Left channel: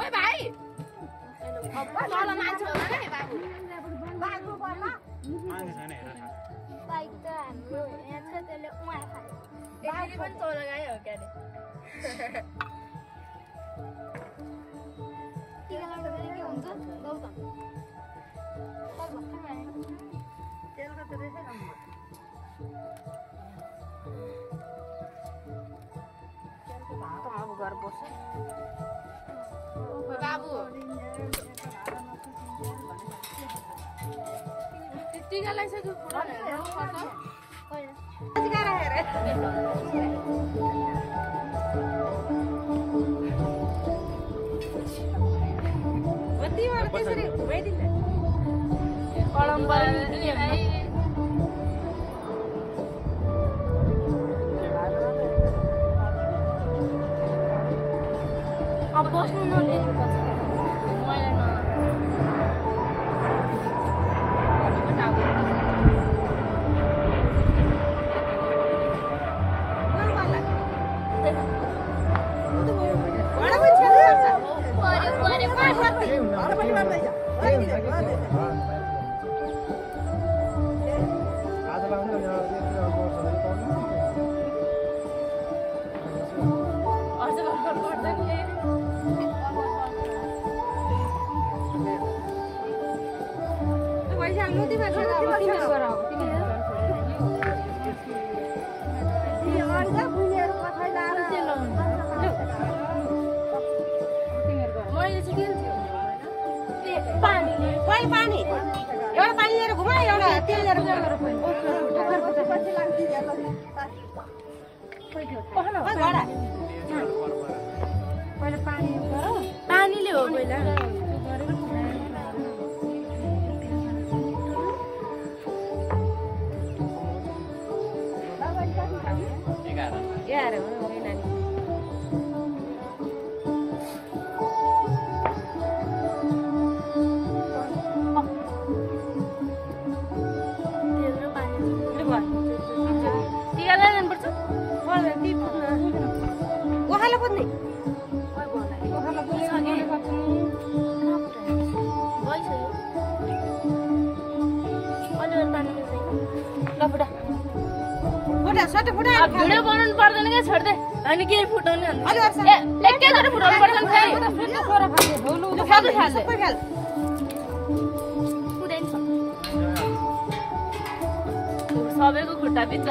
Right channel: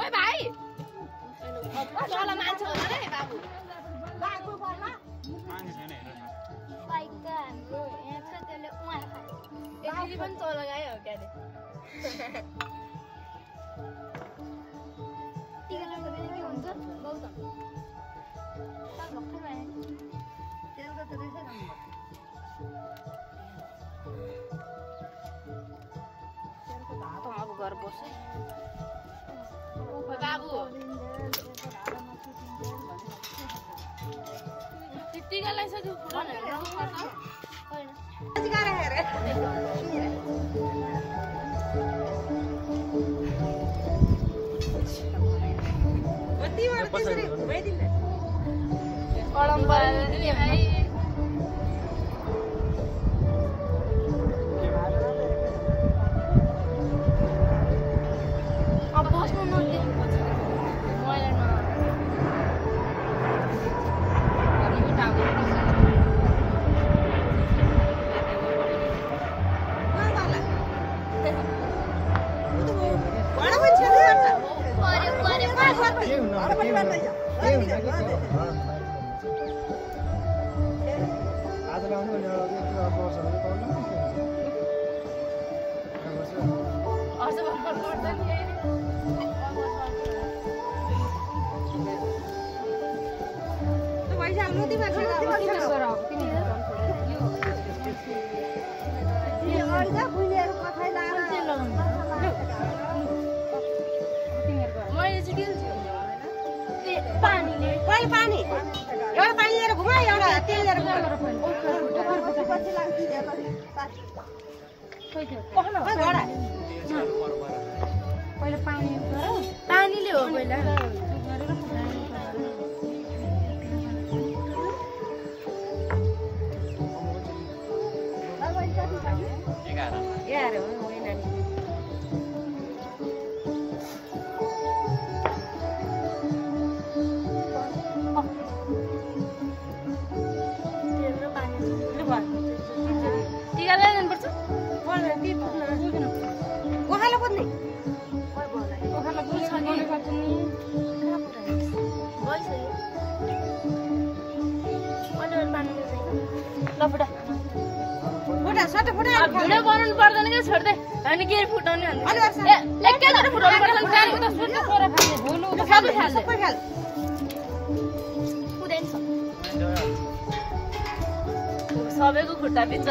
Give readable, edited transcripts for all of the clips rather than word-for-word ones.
Ôi भाइ ल मान्छे होला नि बाबु बाबु बन्न बाइक त हाम्रो यहाँ छ त्यसले उहाँ खायो एकली पनि चौला गाई हो क्या रे टिका लाउँदा पनि के हुन्छ गौतम तर भक्कु भए तेलको त रहेछ तेलको भात अब घर बस्छ बाबु टिका लगाइसक्यो भिडियो बनाउनु पर्दैन क्या छोड्दै अनि के फुटाउने एकैचोटि फुटाउनु पर्दैन सबैको खुट्टा बिच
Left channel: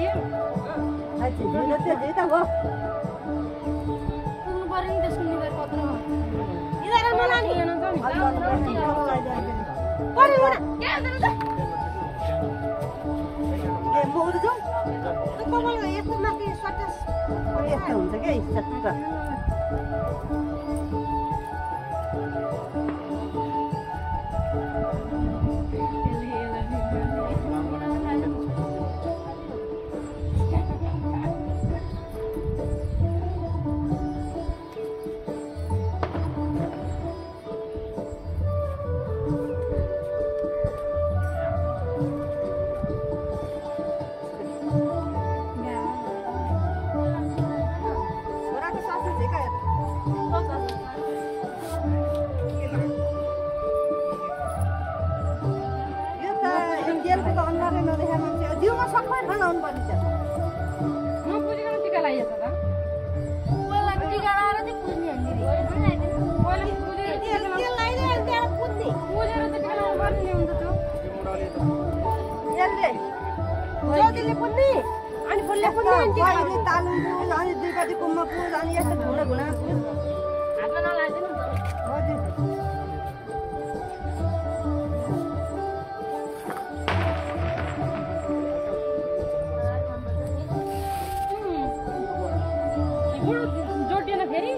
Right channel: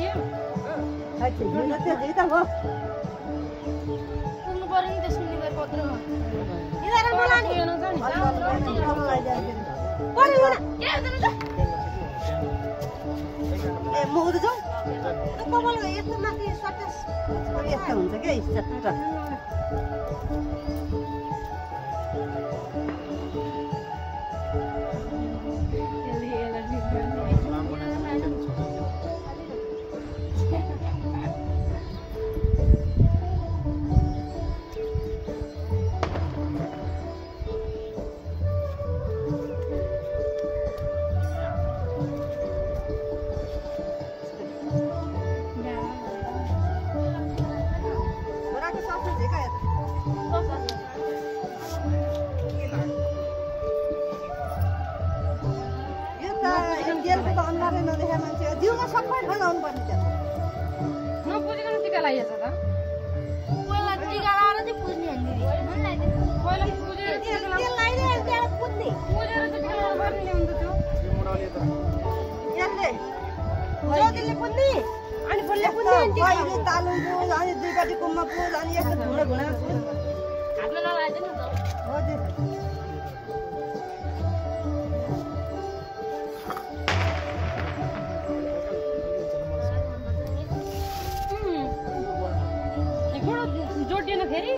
थियो साँच्चै झिलो त्यो झिल त हो पुग्नु पर्यो नि त सुन्ने पत्र यस्तो हुन्छ क्या चट्ट नपुजिकन टिका लगाइएछ त पहिला टिका लाएर चाहिँ पुज्ने हान्दिरी पहिला पुजेर पुजेर त टिका गर्ने हुन्छ त्यो यसले ज्योतिले पुज्ने अनि फुलले पुज्ने पहिले तालुङको अनि दुईपट्टि कुममा पुज अनि यस्तो घुँडा घुँडा हातमा नलाइदिनु नि त हजुर जोडिएन फेरि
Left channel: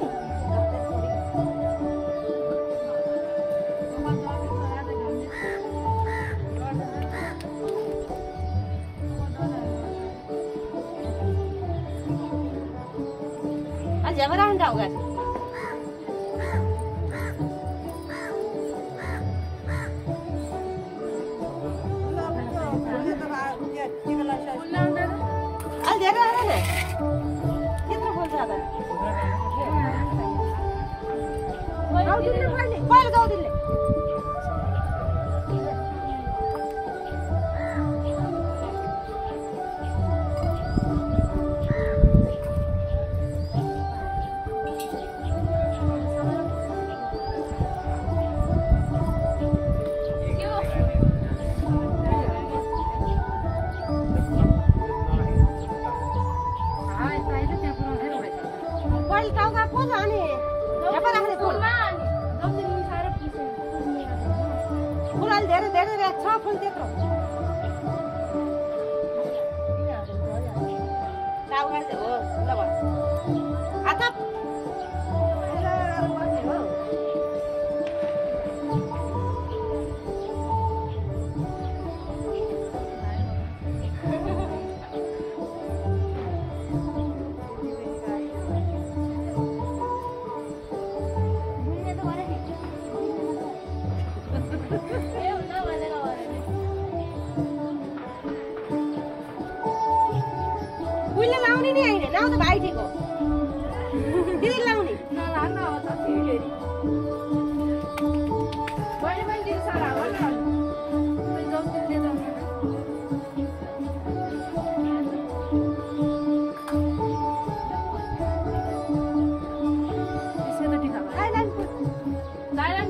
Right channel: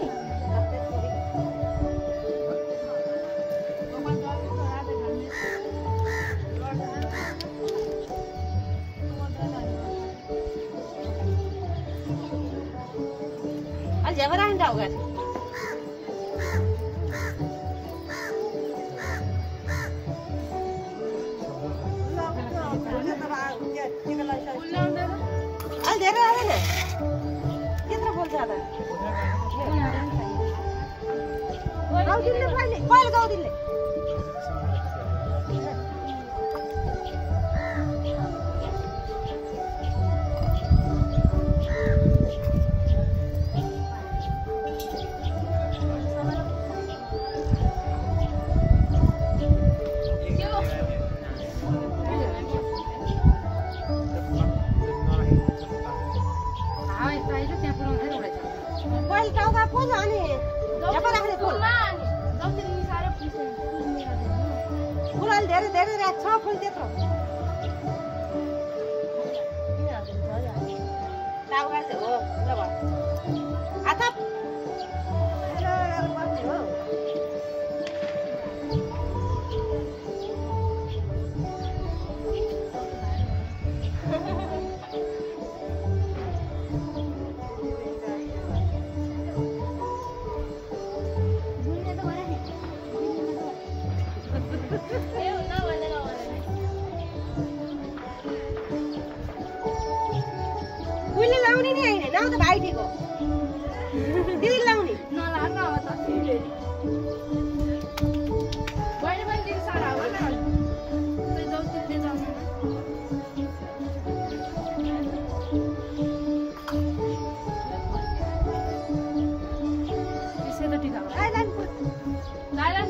झ्यामा राख्नु होगा धेरै राख्ने त्यत्रो बोल्छ अब पहिलो गाउँदिनले धेरै धेरै राख्छ फुल त्यत्रो टाउका चाहिँ हो ल भयो आथप उहिले लाउने नि हैन लाउ त भाइ दिएको दिदी लाउने नलाग्न अब त फेरि बहिनी पनि दिदी सारा हो न ज्योतिले जाउँ त्यसै त टिका भयो गाइलाइन गाइलाइन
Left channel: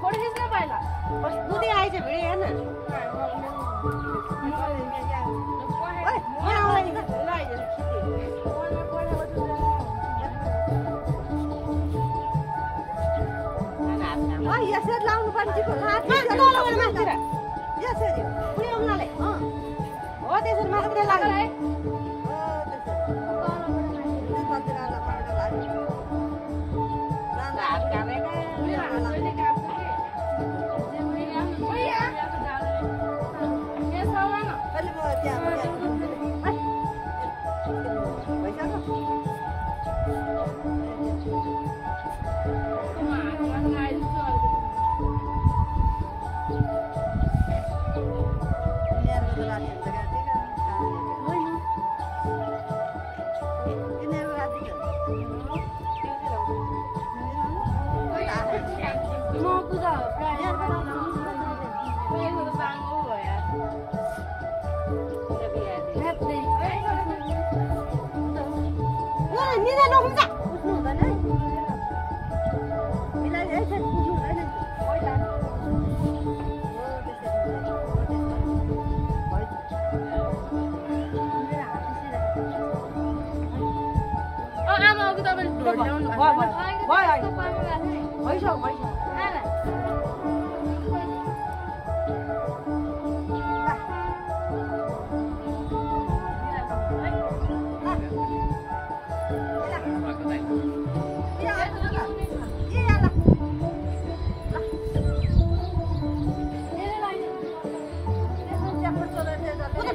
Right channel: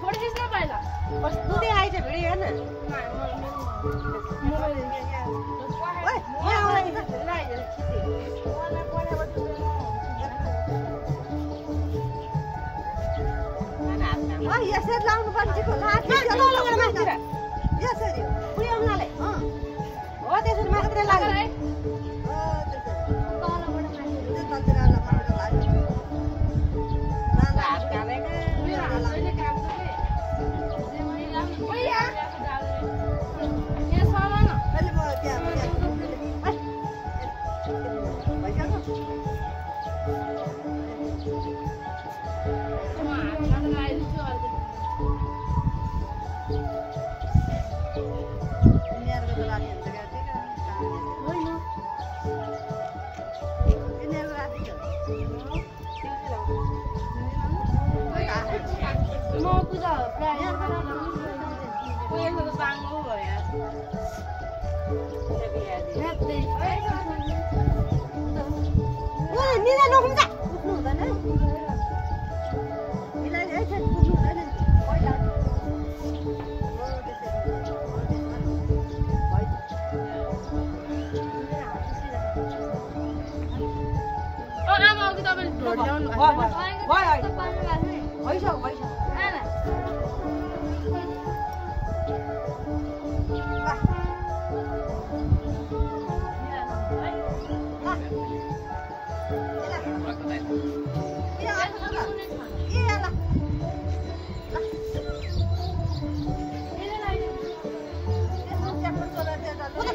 थोड़ी चीज ना पाएगा बस दुधे आइज भिडे हेर्न यसरी लाउनु पर्छ माथितिर यसरी पुर्याउनाले हो त्यसरी माथितिर लाग्यो पूजा प्राय कोही बाङ्गो भयो यार निदा नहुन्छ आमा अघि तपाईँले भोट ल्याउनु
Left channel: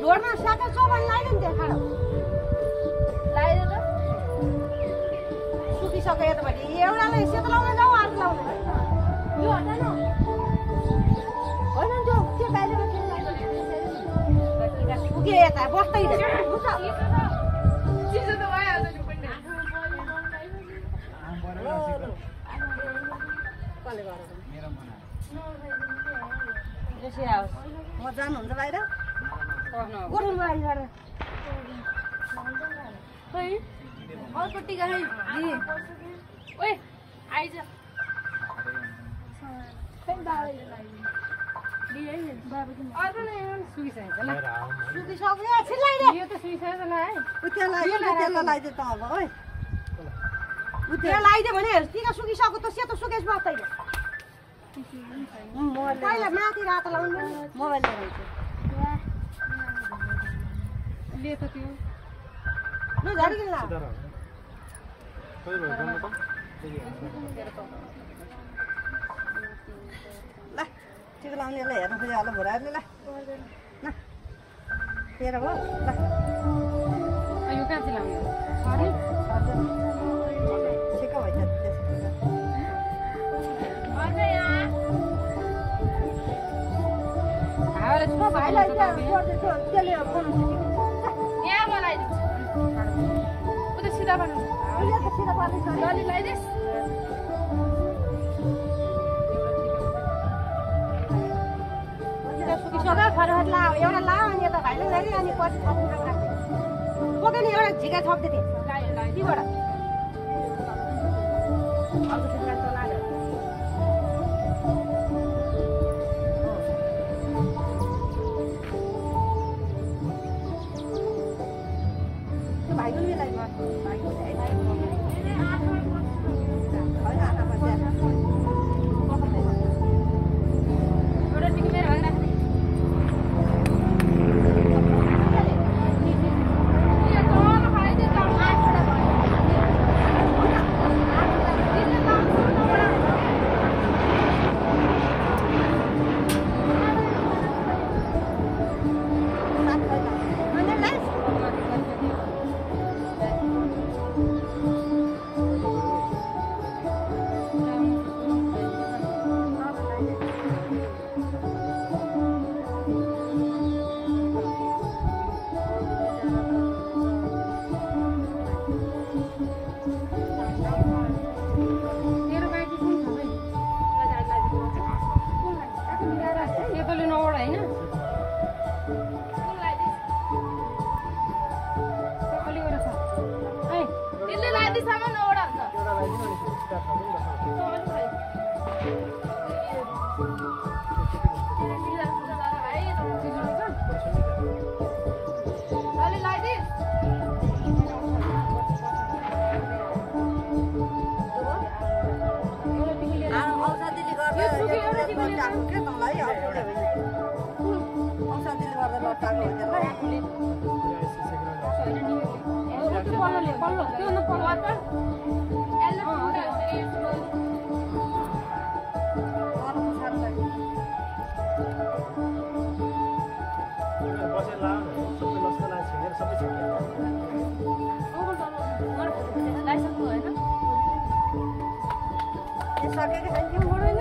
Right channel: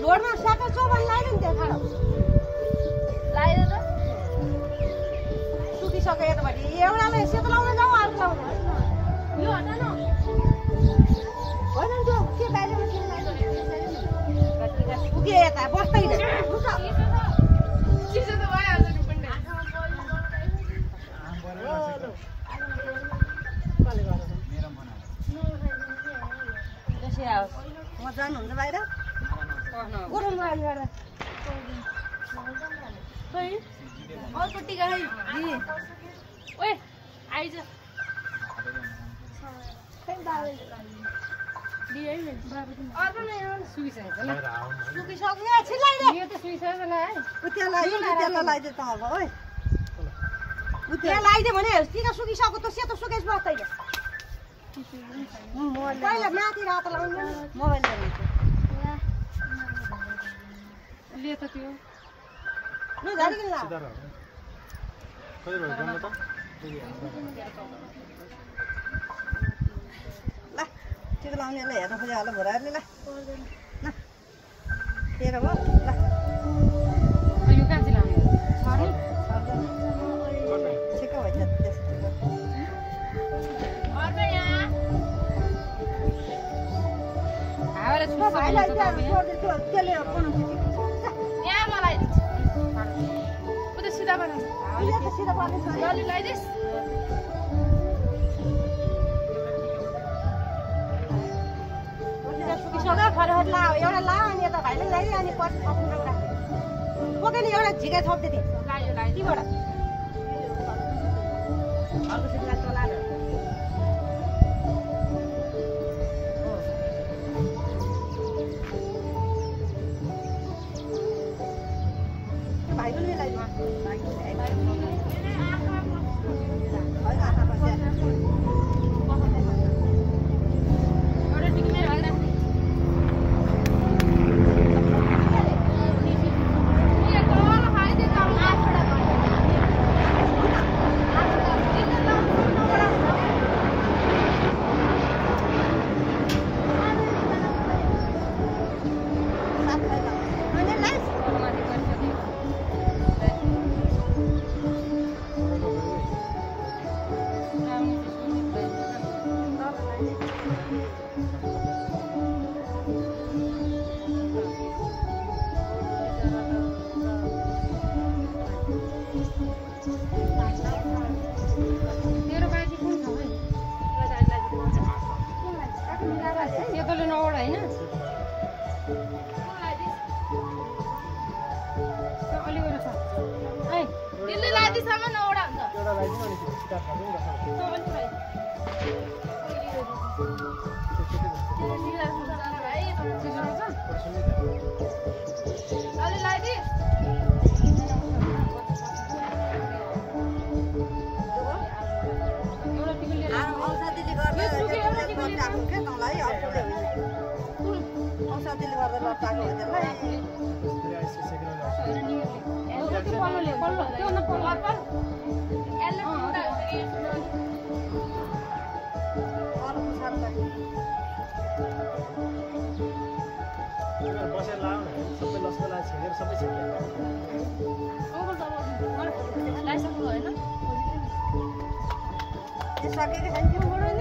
भोटमा साथै चौबन लगाइदिनु त्यहाँ खाडो लगाइदियो त सुकिसक्यो यतापट्टि एउटाले सेतो लाउनु जाऊ अर्को लाउनु यो हटा न होइन त्यो के बाहिरमा सुक्यो यता बस्दैन चिसो त भइहाल्छ नि पनि म जानुहुन्छ बाहिर गुरुङ गर्दा अर्को टिका है ओए आइज सुकिसक्यो छिल्लाइदे यो त सुइसकेको ल है त्यहाँ लगाइदियो त अब है त्यहाँ लगाइदियो भने टिका सुकिसक्यो त सेतो सुकेस बस्दैन पहिला माथि रातो लाउनु मोबाइल ल्याउनु ले त त्यो ल झरिकन ला ल टिका लाउनेलाई हेर्नु खोज्यो होला भोराहरूले ल ल तेह्र भयो ल यो कहाँ चाहिँ लाउने ठिक्क भयो हावाले छुट्छ भाइलाई त्यसले यहाँ मलाई उ त सिधा बनाउँछ लली लगाइदिस् सुकिसक्यो फटाफट ला एउटा ला अनि यता भाइले ल्याइदियो अनि पछि थप्नु राख्यो बोकेर एउटा झिकाइ थप्दियो लाग्यो तीबाट अर्को सिधा लाग्छ लाग्यो भाइले ल्याइदियो एउटा टिक मेरो भएर एकोले नौवटा होइन अलिकति छ है दिल्ली लादिसम्म नौवटा हुन्छ लली लगाइदिस् एउटा टिकट लिएर औषधिले गर्दा लट्टाएको क्या मलाई औषधिले गर्दा लट्टाएको पल्लो पल्लो त्यो न पल्लो बसेर लायो भने सबै लस्कर लाएर छेकेर सबै छेक्यो लाइसेन्स होइन सकेको छैन त्यो मोडल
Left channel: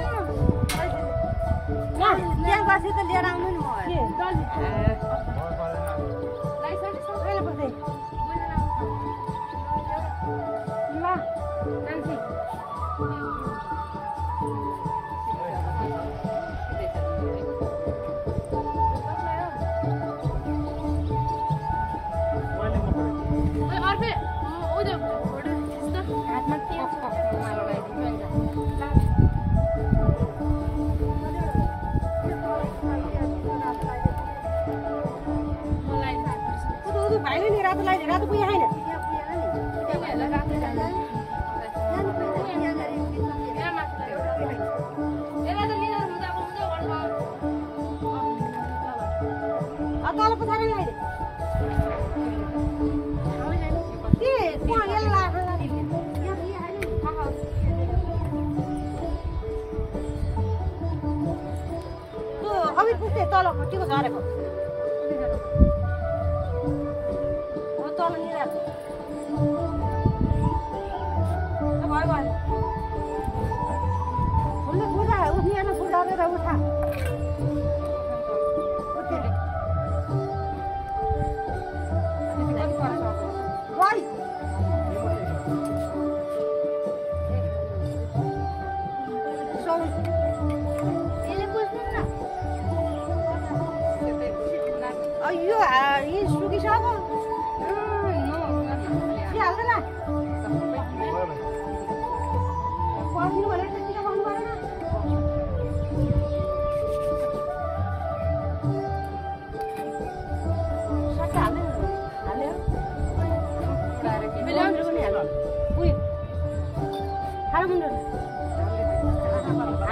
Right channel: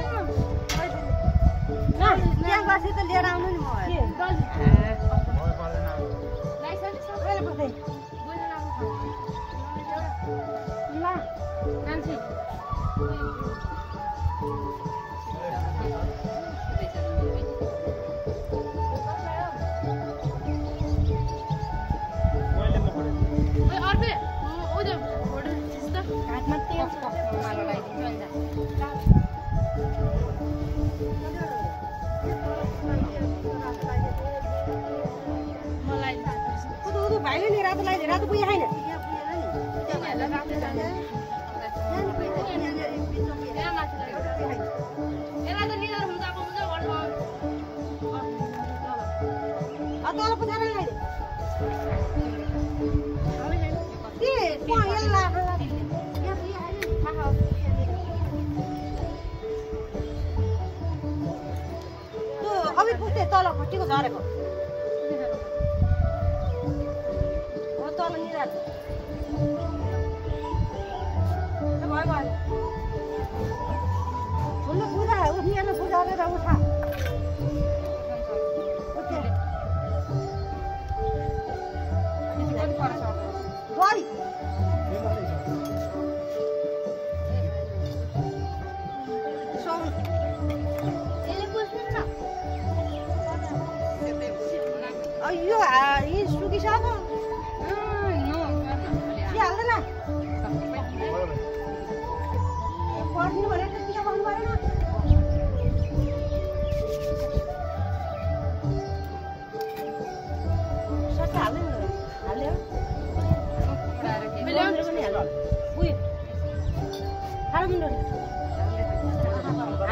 न त्यहाँ बसी त लिएर आउनु नि मोबाइल लाइसेन्स कहिले पर्दैन ल कान्छी मैले म पढेँ हातमा तेल छ। मलाई भाइले नि रातो लगाइदियो रातो पुग्यो छैन तल पछाडि लगाइदियो तल खट्टीको झरेको तल निराको फुल्ने पूजा उठ्ने पूजा गरेर उठा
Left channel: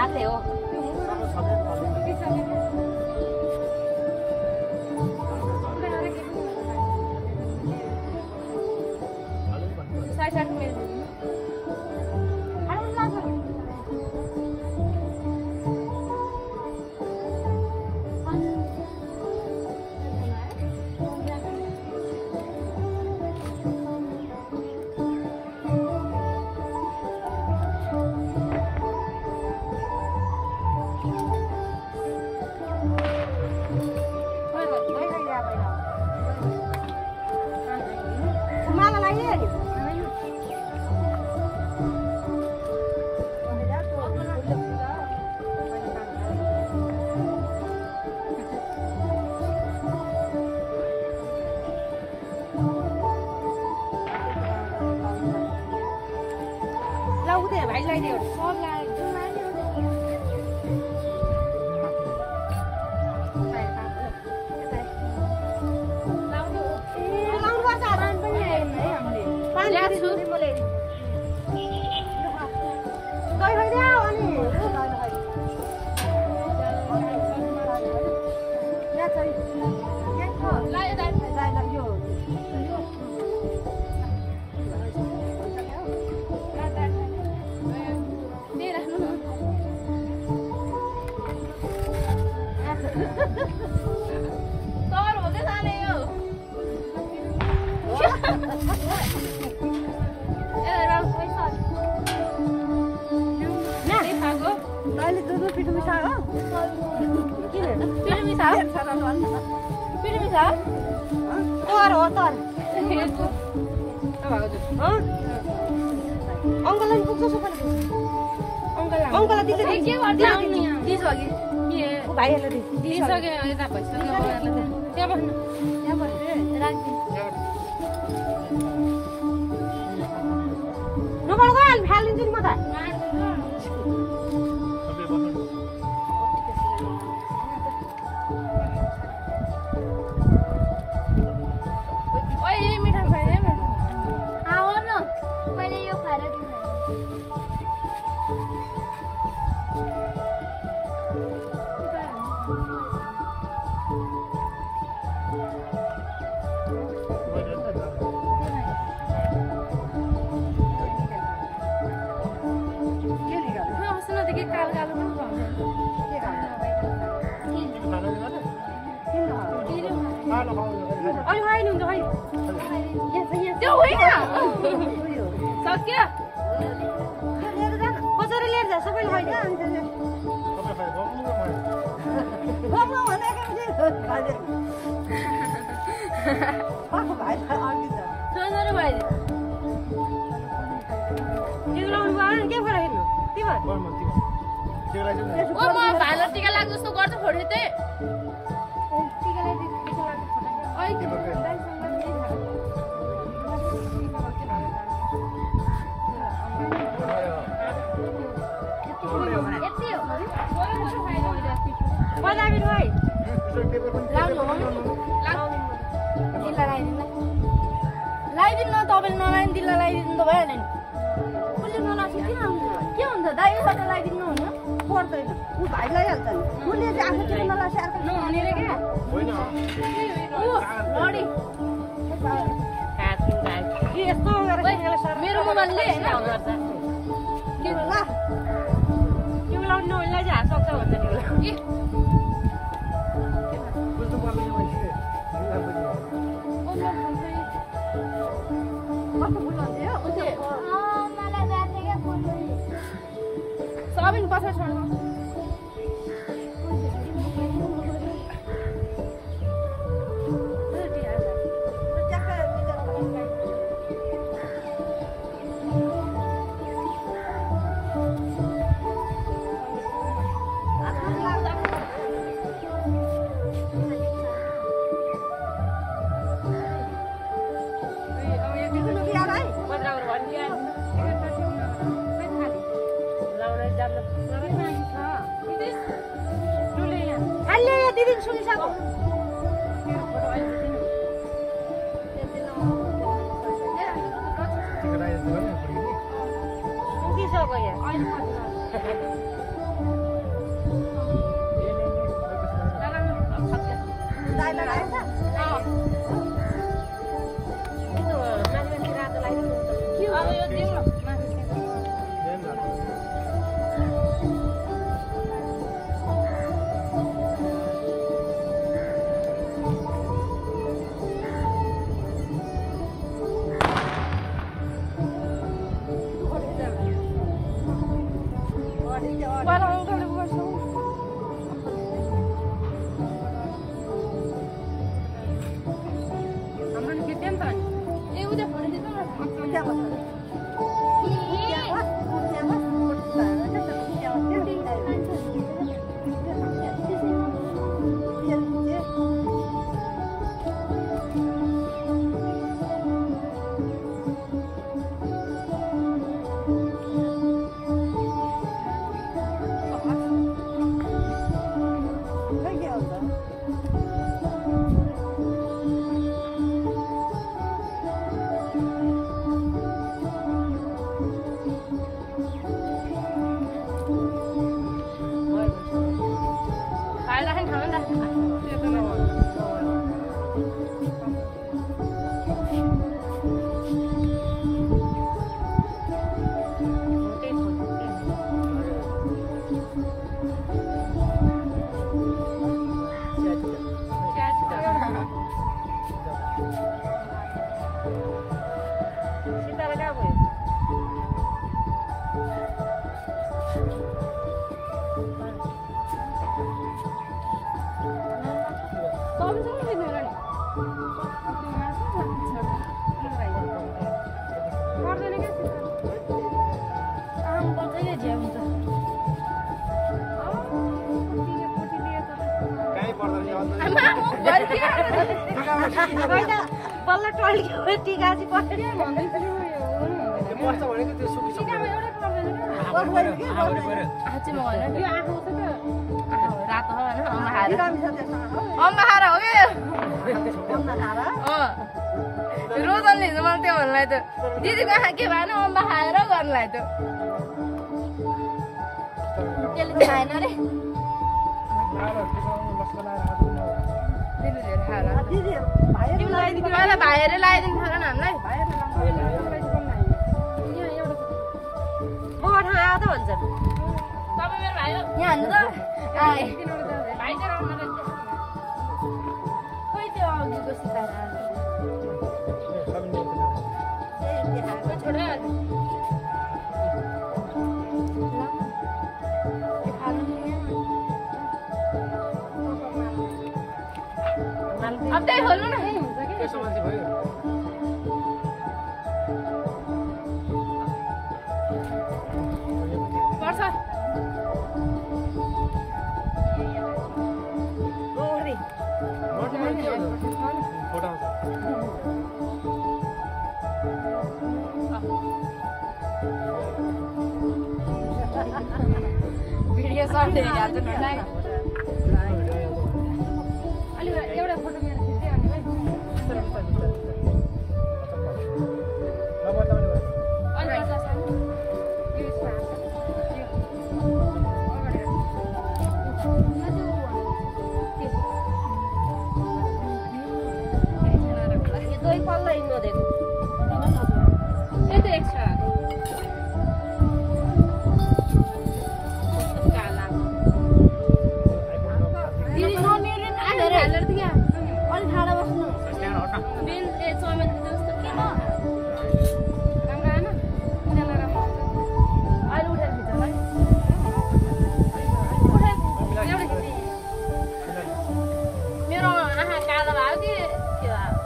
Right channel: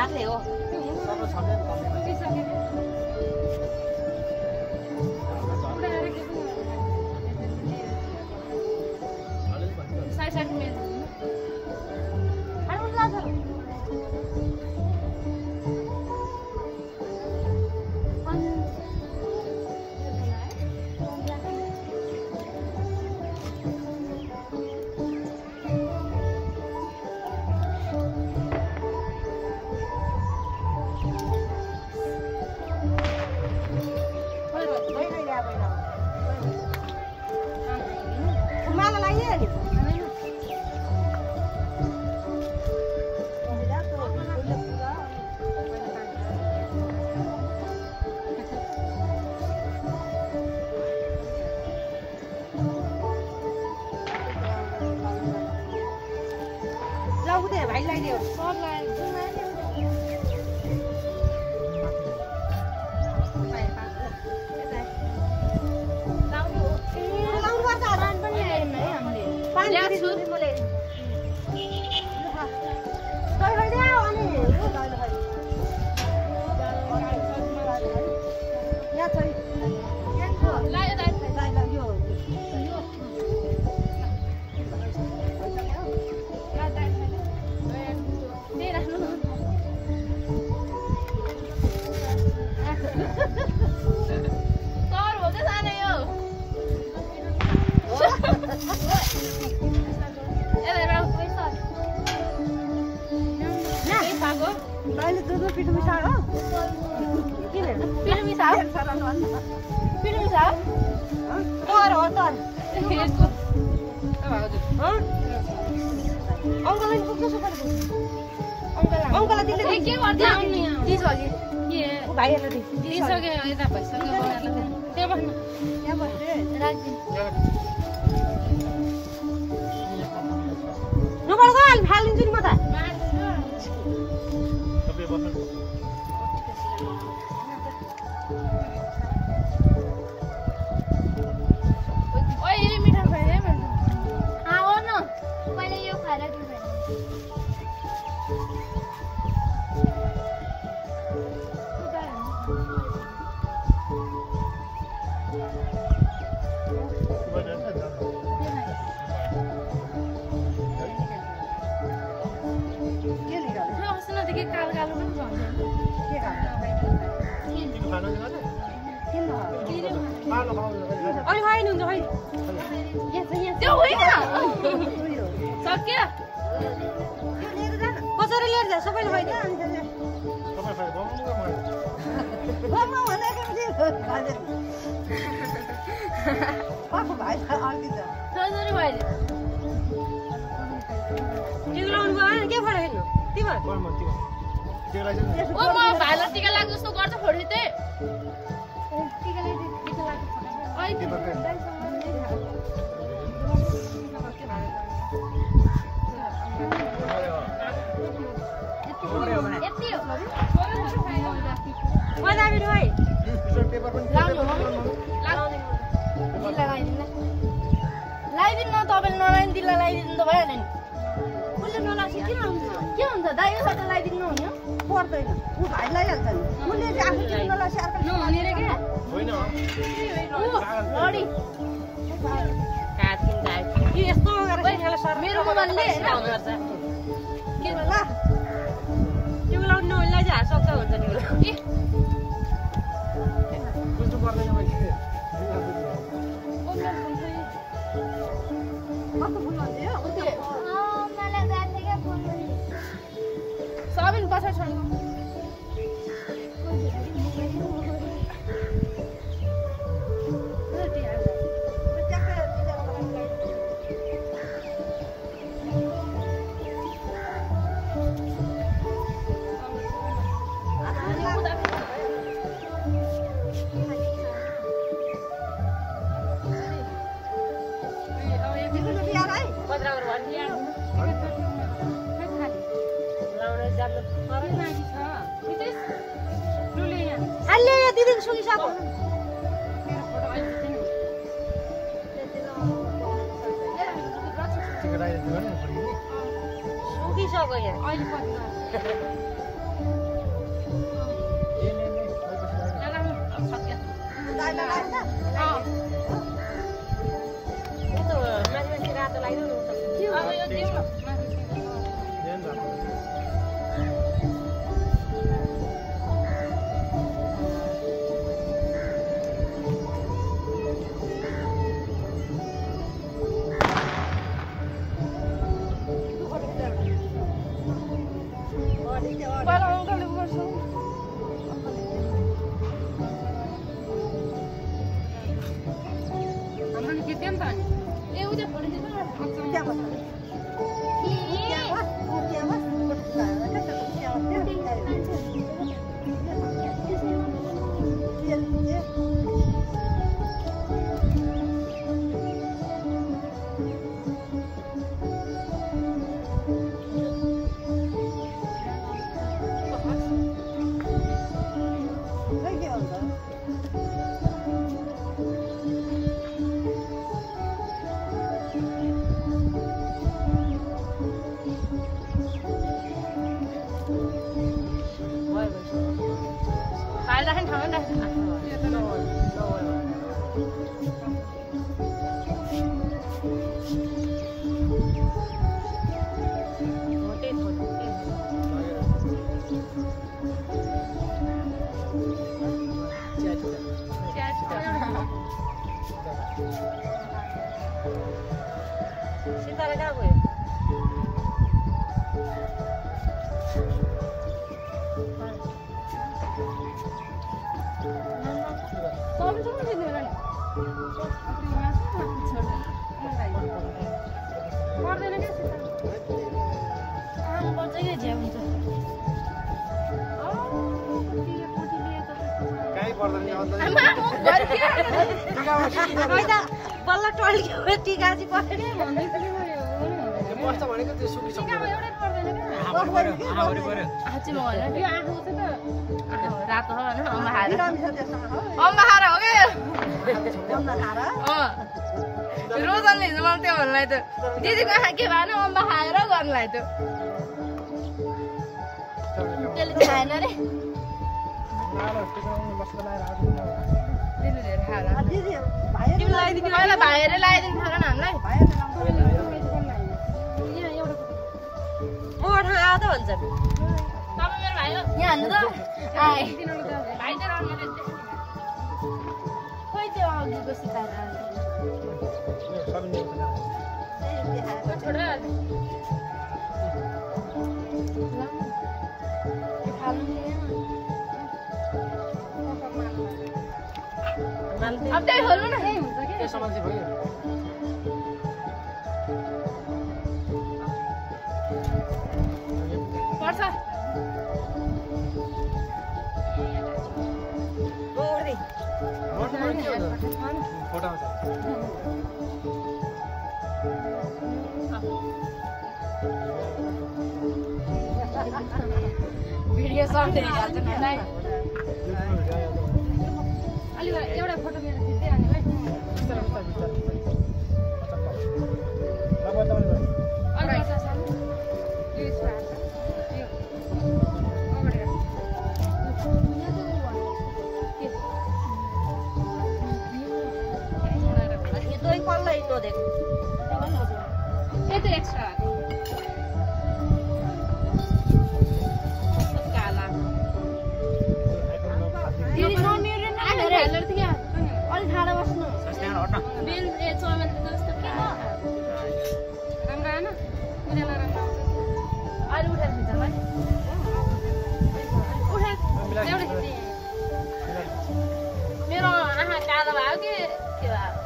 हातले हो टिका लगाइदिनु न। ओ म भाइलाई टिका लाग्छ जस्तो गर्छ फोटो चाहिँ टिका लाग्छ फोटो ओइ पेपरकै। यति हो छोरो फाइदा हुन्छ मजा आयो भाइ यसो पेपर पनि पेपर पनि लाउनु। लगाइदिनु न तपाईँले नलाइदिनु दिल्ला लगाइदिनु त भइहाल्यो नि उसले नलाग्छ किन हुन्छ के हुन्छ दाइले सबै लगाइदिनु हुन्न पर्दैन ऊ भाइ लगाइहाल्छ नि उसले चाहिँ आफूतिर नलाग्छ अर्को नहुने रे क्या होइन लडी काटिन दाइ यो यस्तो गरेर सिंहले सर मेरो मनले आउँछ के होला त्यो लाउनु नहुनेलाई चाहिँ हात सक्छ भन्छ नि होला बुझ्नु पर्दैन मैले बुझ्नु कस्तो फुल आउँथ्यो साबिन पछाडि छोड्नु अहिले यो दिदी सुनिसक्यो टिका लगाइदिनु नि फर्किने। सुकिसक्यो यहाँ अहिले पछि ले पछि लगाइदिनु। यस्तो माथि माथि रातो लगाइदिउ न अब यो दिउँ न माथि ल्याउनु राख्नु। बाह्र अङ्कलले गर्छ हाम्रो नि के त ए उता फोन दिनु न खाइराखेन ठाउँ सितारा कहाँ गयो पर्दैन क्या कहीँ पर्दैन नि अन्त टिकामा बल्ल टल्क्यो टिका चाहिँ पर्यो त्यो बस्छ भनेको त्यो सुकिसक्यो। रातो अम्मा खाएर हो कि रोजनले हिजो मलाई त्यो भन्नुलाई त दिदीको आँखा के भएन अम्बा खाएर गर्नुलाई त त्यसले खाएन रे दिदी धेरै खाएर पहिला भाइहरूले लगाइदिनु पऱ्यो नि हामीलाई म ठाउँ आयो त भन्छन् तपाईँ मेरो भाइ हो यहाँ हान्नु त भाइ चाहिँ रहनु खोइ त्यो अघिको सिकाएर अब त्यही खोल्नु न त्यो सामान चाहिँ भयो। पर्छ फोटो आउँछ भिडियो सर्ट हाल्छ नि युट्युबमा भिडियो आइहाल्छ भने अलि एउटा फोटो मेरो खिच्दै अनि है बिस्तारै बिस्तारै बिस्तारै बिस्तारै पचक पचक नबदलाउने भयो अलि यता सानो यो यसो हाल्छ यो अगाडि राख ये तो एक पल्ला इन देखो ये तो एक्स्ट्रा काला आइफोनमा फाल्दै दिदी म मेरो न मेरो हेलर थियो अलि ठाडो बस्नु त्यहाँ हट्न मेन ए चमेल जस्तो के राम्रो आएन उनीहरूलाई राम्रो आउँछ अहिले उठेर खिच्छ है उठेर एउटा खिच्ने मेरो आँखा कालो भयो कि के भयो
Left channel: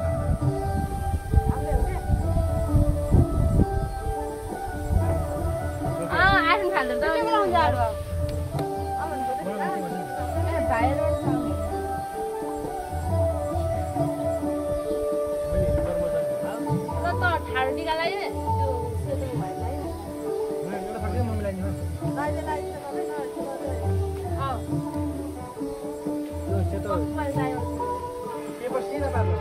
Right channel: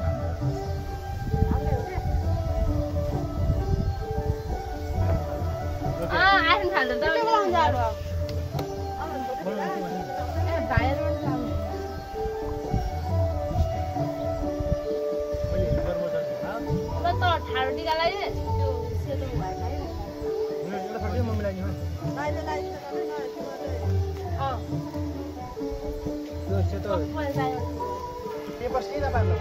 आइफोन फाल्नु त भाइहरू मैले हिँड्नु पर्छ ल त ठाडो टिका लगायो त्यो सेतो भएर है एउटा फर्कै म मिलाइदिनु अँ यो सेतो कपाल चाहियो पेपर सिधा पार्नु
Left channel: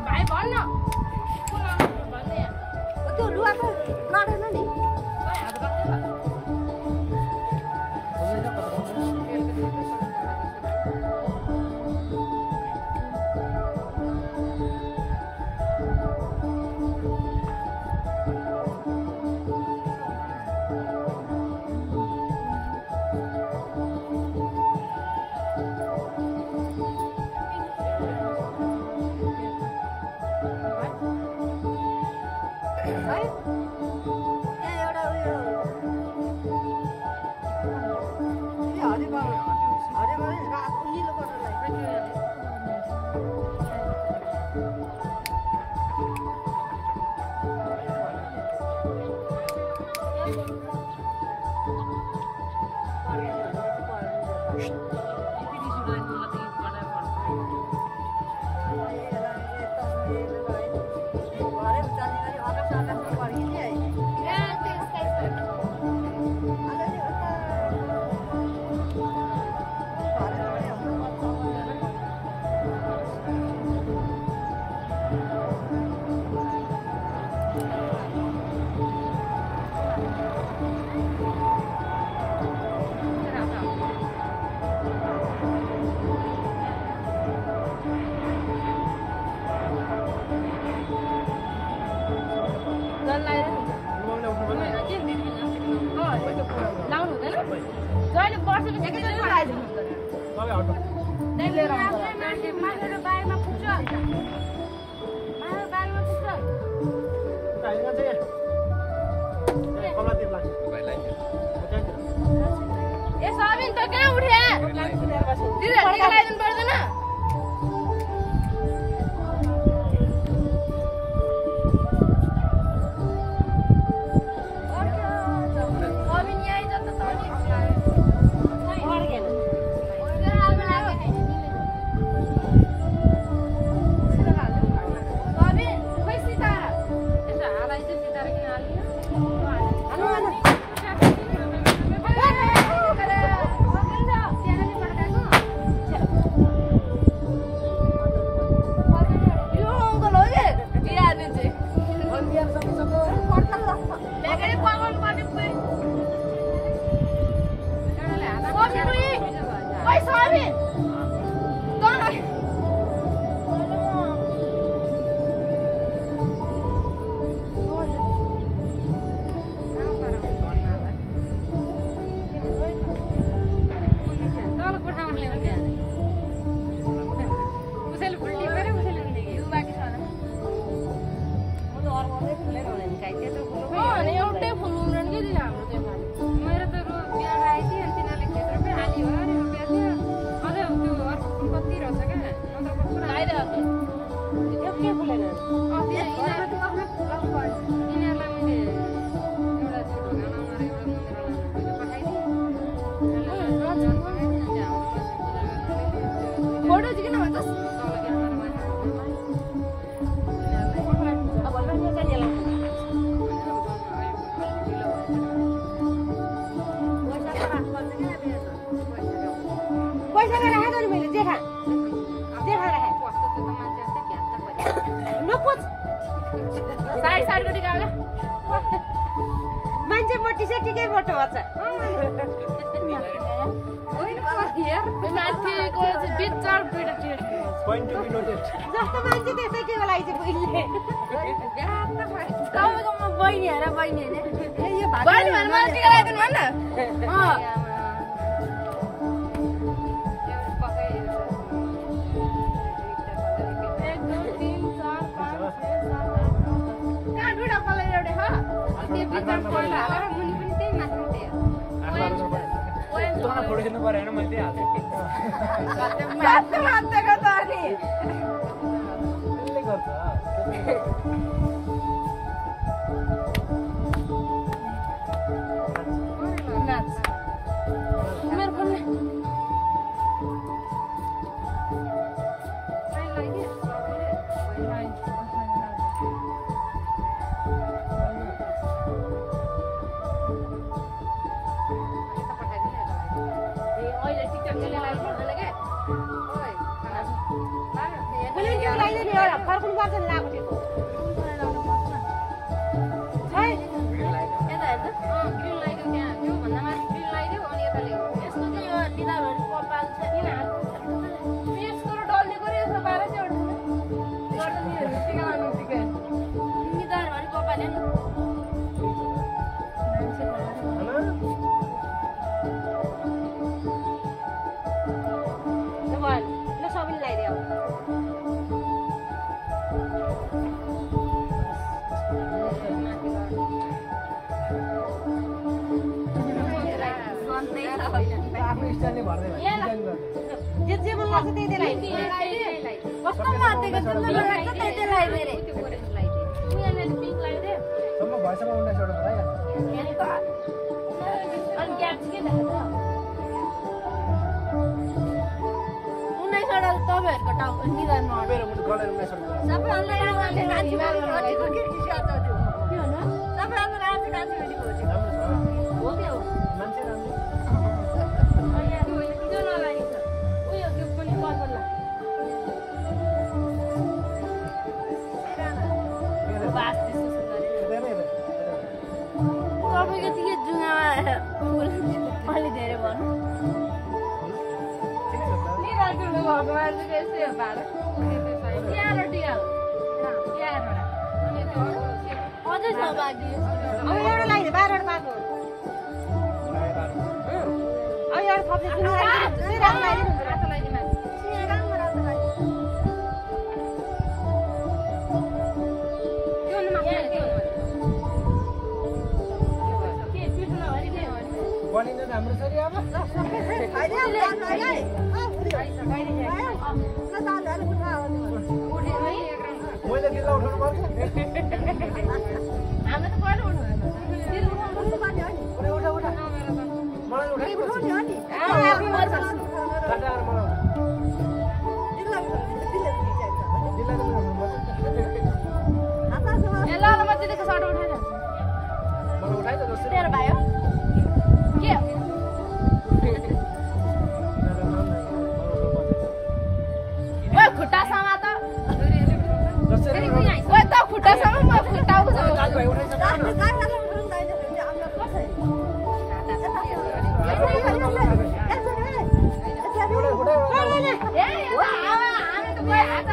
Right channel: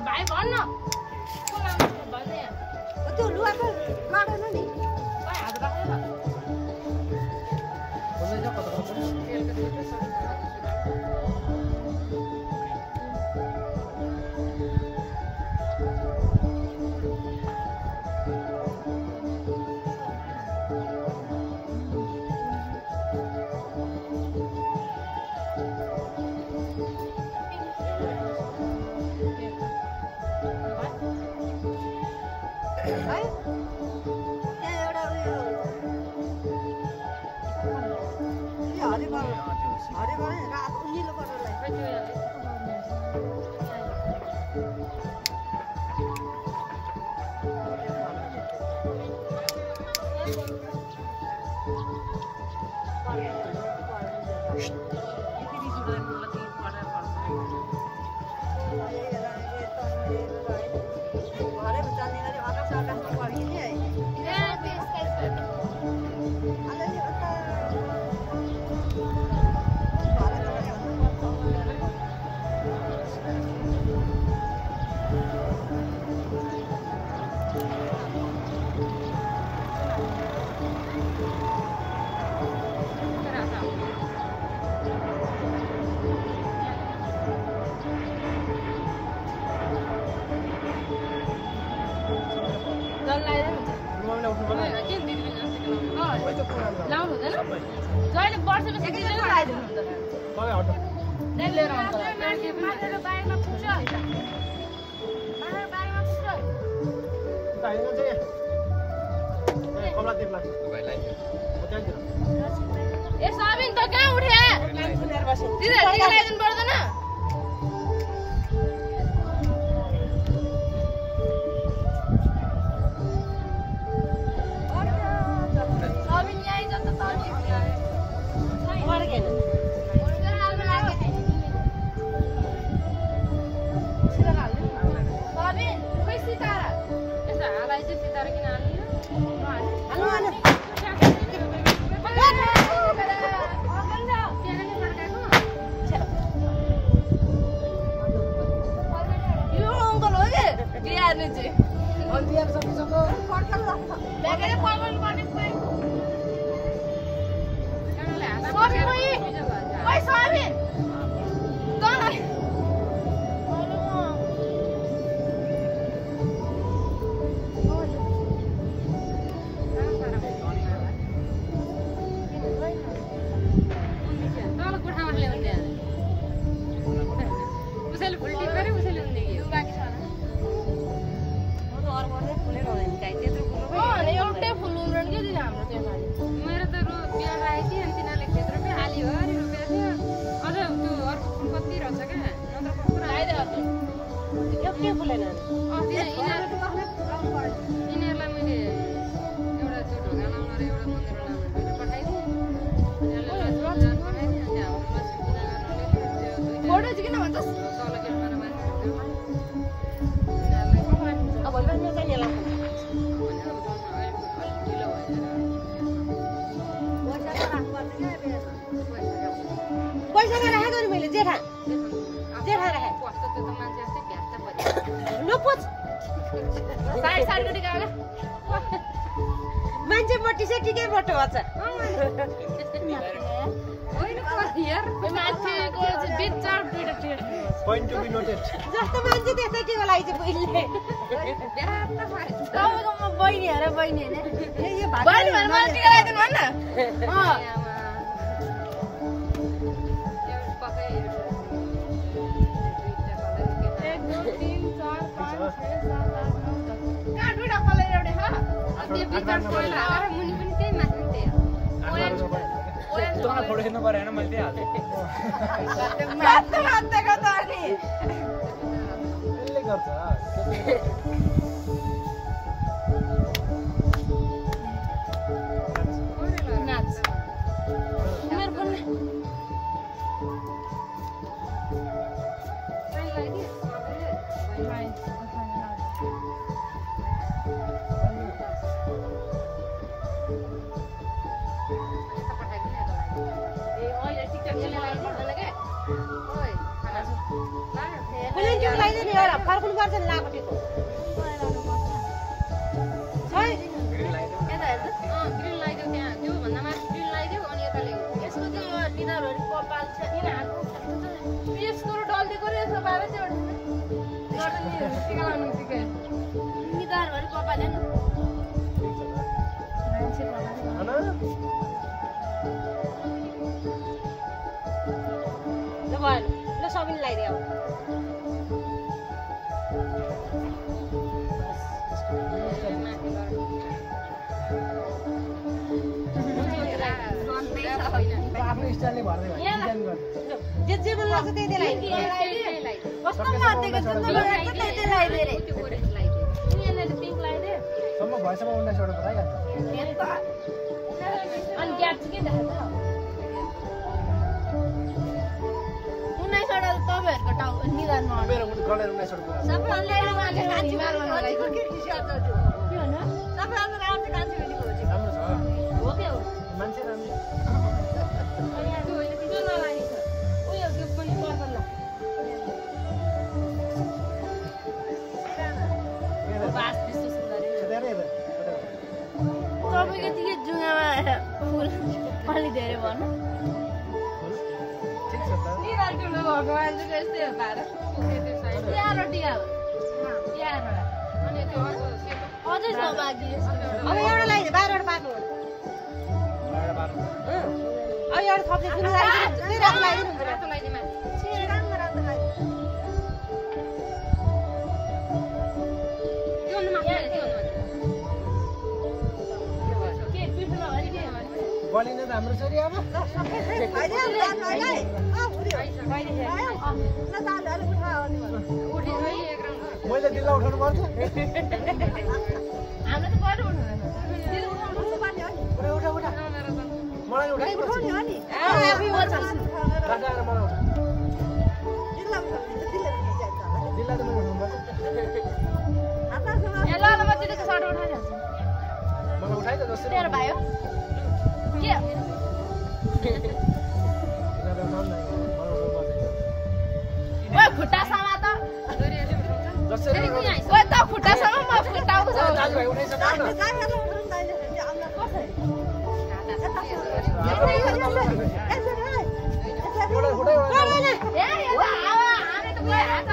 भाइ भन्न त्यो लुगाको नडेन नि हात राख्दैन मम्मीले उठ्नु पर्ने के दिदी पनि जान्छ सबै त्यो पुरानो लाउनु हुँदैन सबै जहिले वर्षपछि दिदीले पनि लगाइदिनु हुँदैन सबै हटो लिएर आउँछ मारेर बारीमा पुग्छ मारेर बारीमा पुग्छ उता होइन चाहिँ यहाँ कमलातिर लाग्छ म त्यहाँतिर ए सबिन त कहाँ उठ्या दिदी टिका लगाइदिनु पर्दैन सबिन यही त तनी मर्गेन सबिन खै सितारा यसो हालाई चाहिँ सितारा किन हाल्यो हाल्नु हाल्नु यो अङ्कल हो के बिहार्नु चाहिँ अन्तिम सकिसक्यो ल्याएर पकाउनु पर्ने पुरै कानाले हात सबिन उही खै सबिन तँलाई तल कोठामा ल्याउने उसैले फुल्टी गरे उसैले हुँदै गयो बाँकी छ म त अर्कोले फुलेर हुने गाई त्यत्रो ठुलो एउटै फुल उम्रन के दिन हाम्रो चाहिँ खाली मेरो त बिहा राखेको थियो अनि तिनीहरूले खेत रोपे आली हो अरे रोपेको थियो अझ त्यो अर्को फुल कति रहेछ क्या नत्र कस्तो आइरहेको एउटै फुलेन यिनीहरूलाई मैले एउटा त्यो ढोका लाउन र एउटा मन्दिर लाउन दुइटा पठाइदिएँ यसलाई जान पठाइदिएँ अनि हाम्रो लक्ष्मी पूजा गर्नले त्यो दुइटा फोटो चाहिँ किन भन्छस् तल गेटबाट माथि ढोकामा यिनीहरूलाई अब भन्छ चाहिँ यहाँ भने अब झन् अलिक ढिलो भएछ पैसा राखेको नि मैले जेठा जेठा राखेँ कस्तो त्यो त मान्छे जस्तै भ्यात्ता पऱ्यो नपुछ साइड साइडको टिका हाल्यो मान्छे बट्टी चाहिँ टिकै बट्टो भन्छ होइन यार माथिको चाहिँ बिचार दुईटा test point to be noted जस्तो मान्छे त्यस्तै टिका लागि चाहिँ पहिले भ्यात्ता पऱ्यो तपाईँको म बहिनी हेर बहिनी होइन ए यो भात बहिनी भनेर मलाई टिका लगाइदिनु भन् न कहाँ दुईटा कलर एउटै हो मुनि पनि त्यही माथि पनि त्यही तँलाई फोटो खिच्नु पऱ्यो होइन मैले त्यही हाल्छु हातेको त अनि त्यसले गर्छ नाच उनीहरू पनि कुनै टिका लगाइदियो नि एउटा फर्कुनु पर्छ नि लाएको टिको ग्रिन लगाइदेऊ त्यहाँ त्योभन्दा माथि ग्रिन लगाइदेऊ अनि यता ल्याऊ यसको के यो डिनरहरू कपाल छ किन हात यसको र डल्दिएको र यसको बाह्र चाहिँ एउटा टिका लाउनु टिका निधारहरू कपाल हेर्नु ल भयो ल सबैले लगाइदियो आफ्नो स्टाइलले भर्दै भयो डिजाइन गर्ने जे मन लाग्छ त्यही त्यही कस्तो मार्दिएको छ त्यही लगाइदिए रे त्यो ओरेन्ज लगाइदिए यहाँनिर पिङ्क लगाइदिए सम्म भएसम्म 19 वटा पुराइहाल्छ अनि ग्याप चाहिँ के देखाएको छ 19 वटा त तपाईँहरूको टाउको निधारमा मेरो मुटु गलेर 19 वटा पुरा सबै अनलाइनमा हिमाल बनाउनलाई के हो न सबै आफ्नो राम्रै कान्छे राम्रो छ हो के हो मान्छे राम्रो त्यो होइन त्यो नलागे छ उयो त्यो पनि पर्पल्ला बास त्यस्तो सुन्दर धेरै धेरै तपाईँको चाहिँ के जुङ्गामा अलि धेरै भन्नु ठिक छ त निधारको भएको मान्छेको यस्तै हो पारो त्यो साइड तिहार टिका हो तिहारबाट अनि त्यो अर्को सेतो अझै छ बाँकी अब एउटा लगाइदियो 12 वटा पाको अब एउटा थप्दै कुनै रातो लगाइदिनु रातो लगाइदिनु माथि रातो लगाइदिनु त्यो भन्दा माथि त्यो भन्दा माथि के पिठो नभरि के बलिन त हाम्रो छोरी अब उठे है एक राउन्ड मैले दिल्ला उठाउनु पर्छ हाम्रो त कहिले उठाउँदैन उठा उठा उठा मलाई उठाइपछि टाटा आएर मलाई उठा दिल्ला त मैले उठाउनु पर्छ ए ल ल म दिदीको सर्ट उठाइहाल्छु मलाई उठाइ त जसरी तेरो भाइ हो के तिनीहरूले उठाउनु न मलाई उठाउनु पर्छ ओ खुट्टा समात छोरीहरूले उठाउँछ जसरी उठाउनु ओ त खुट्टा सम म खुट्टा उठाउँछु दाजुभाइ उठाइछ न एउटा उठाइ ए यो त हामी त कोही हात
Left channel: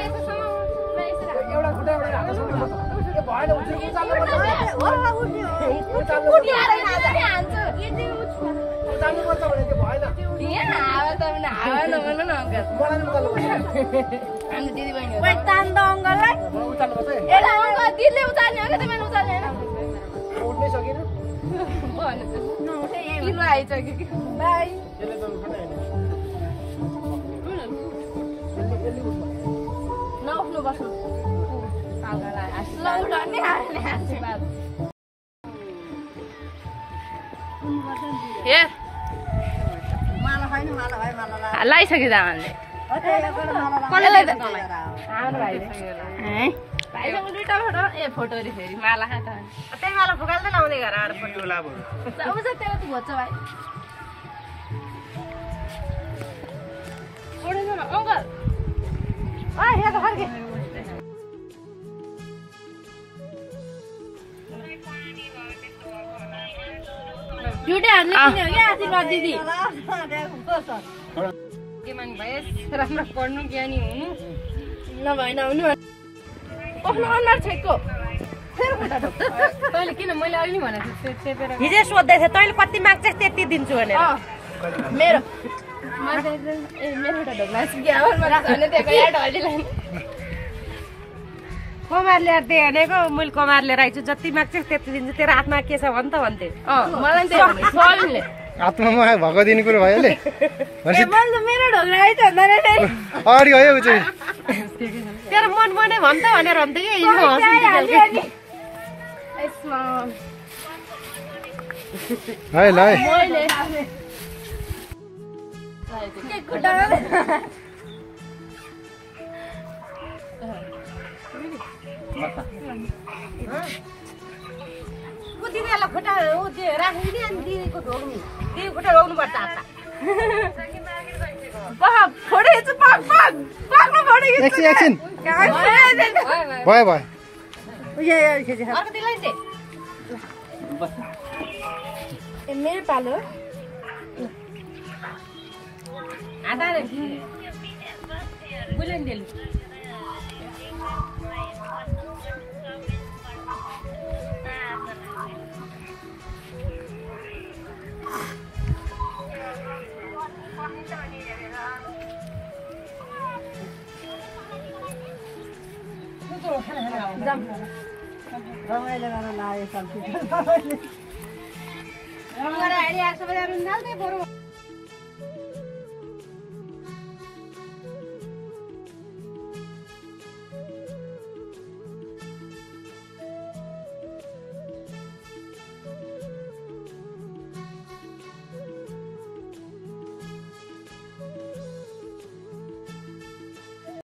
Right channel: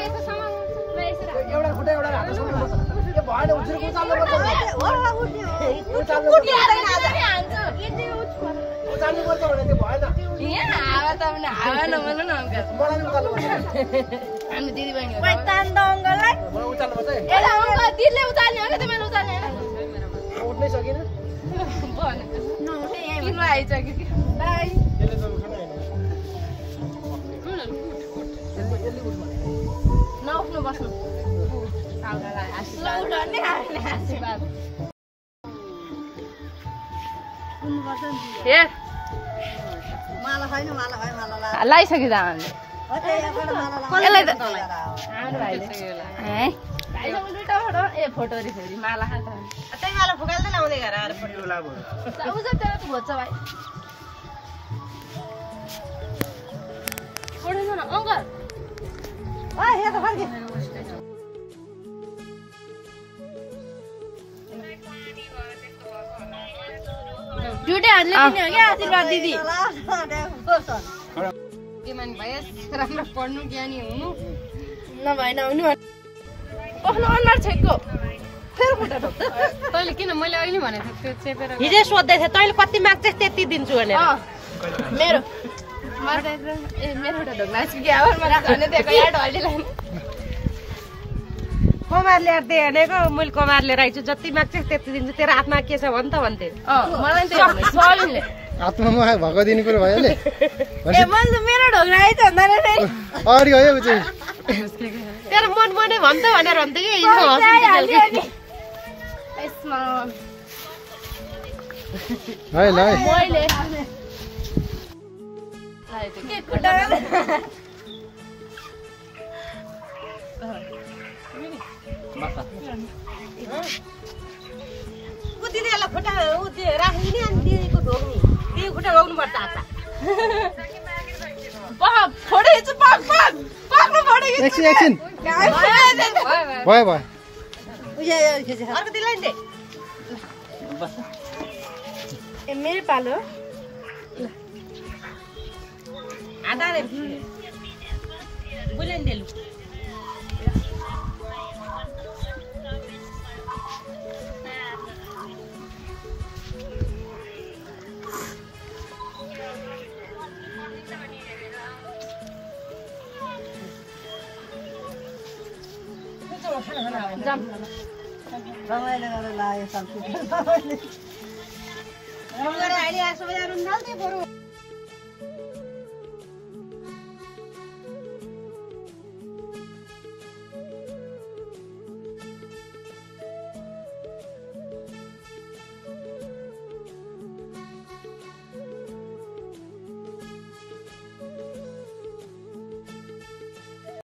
यस्तो समाउनु यसरी एउटा खुट्टा एउटा हात सुन्नु पर्छ ए भएन उछिरको उचाल्नु पर्छ उचाल्नु पर्छ भने त्यो भएन हावा त हावा नबोल्नु न अङ्कल मलाई नि उचाल्नु पर्छ हामी दिदी बहिनी हो मलाई उचाल्नु पर्छ है ए अङ्कल दिदीले उचाल्ने हो कि तिमीले उचाल्ने होइन उठ्नै सकिन तिम्रो आइसक्यो कि बाई यसले त उठाउनै होइन यसले उठ भने नउठ्नु बस्नु आशीर्वाद हेर लगाइसक्यो जामानले हाम्रो भाइले भाइसँग दुईटा फोटो ए फोटो रे फेरि माला खाँदा त्यही माला फुकाल्दैन आउने घर आएर यो लाभ हो उज त्यहाँ त भोज्छ भाइ ओढ्नु न अङ्कल यहाँ फर्के दुइटै हातले किन्ने हो क्या आशीर्वाद दिदी मानी भयो राम्रो पढ्नु ज्ञानी हुनु नभए नहुनु ओख्नु अनुहार छेक्को फेरि खुट्टा ढोक्छ तैँले किन मैले अहिले भनेको थिएँ त्यो चेपेर हिजो सोध्दै थिएँ तैँले कति माग्छस् त्यति दिन्छु भनेर मेरो ए मेरो खुट्टा ढोक्ला कि आवाजमा राख्ने त्यहाँको याद हल्लिँदैन कमार ल्याएर दिए भनेको मैले कमार लिएर आइछु जति माग्छस् त्यति दिन्छु तेरो हातमा के छ भन् त भन्थे मलाई त्यही भने सलिले आत्मामा भएको दिने कुरो भयो ले ए मैले त मेरो ढोक्ला आइछ भन्दा फेरि अगाडि गयो उ चाहिँ तेरो मन मनै भन्छ भनेर भन्थ्यो कि हिजो यसमा है ल है मैले के खुट्टा दिदीहरूलाई खुट्टा राखिदिने अनि दिदीको ढोक्नु दिदी खुट्टा रोक्नु पर्छ हातमा फोटो खिच्छु पाक्नु फोटो एकछिन एकछिन भयो भयो अर्को दिदीलाई नि ए मेरो पालो आधार बुलेन देलु रमाइलो गरेर लाग्यो सब्जी रमाइलो आइडिया सबैजना रुन्जाल्दै बरु